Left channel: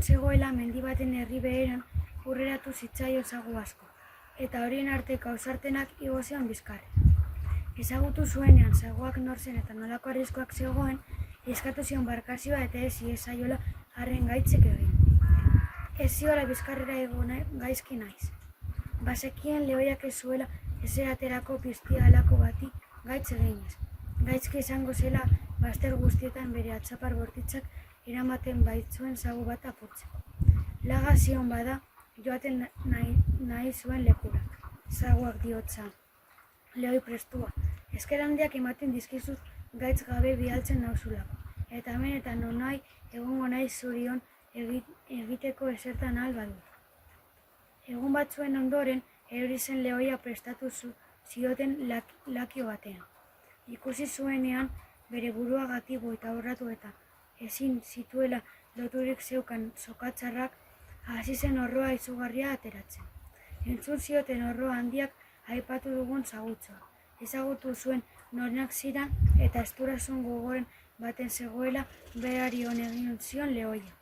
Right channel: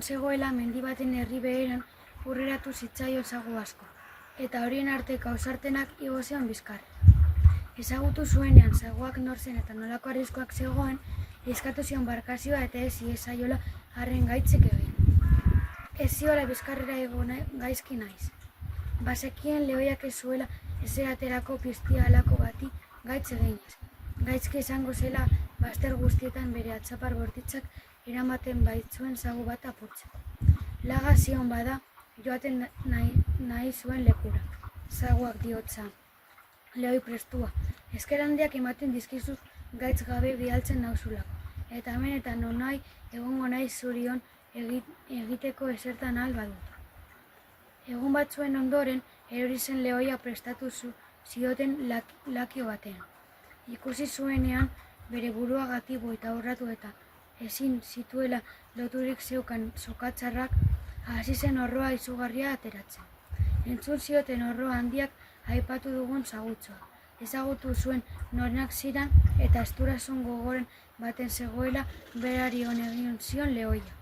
Bertan zegoela mendi baten herri beheran hurreratu zitzaion sagu asko, eta horien arteko ausartenak igo zion bizkarra. Ezagutu zuenean saguak nor zen eta nolako arriskoak zegoen, eskatu zion barkazioa eta ez iezaiola harren gaitzek egin. Ez ziola bizkarrera igo gaizki naiz. Bazekien lehoiak ez zuela ezeraterako piztia halako bati gaitz eginez. Gaizki izango zela bazter guztietan bere atzapar bortitzak eramaten baitzuen sagu bat apurtzeko. Laga zion bada joaten nahi zuen lekura. Saguak diotza. Lehoi prestua. Esker handiak ematen dizkizut gaitz gabe bidaltzen nauzulako. Eta hemen eta nonai egongo naiz zurion egiteko esertan ahal badut. Egun batzuen ondoren, erori zen lehoia prestatu zioten lakio batean. Ikusi zuenean bere buruagatik boitaurratu eta ezin zituela loturik zeukan sokatzarrak, hasi zen orroa izugarria ateratzen. Entzun zioten orroa handiak aipatu dugun sagutzoa. Ezagutu zuen norenak ziran eta esturasun gogoren baten zegoela berari hon egin zion lehoia.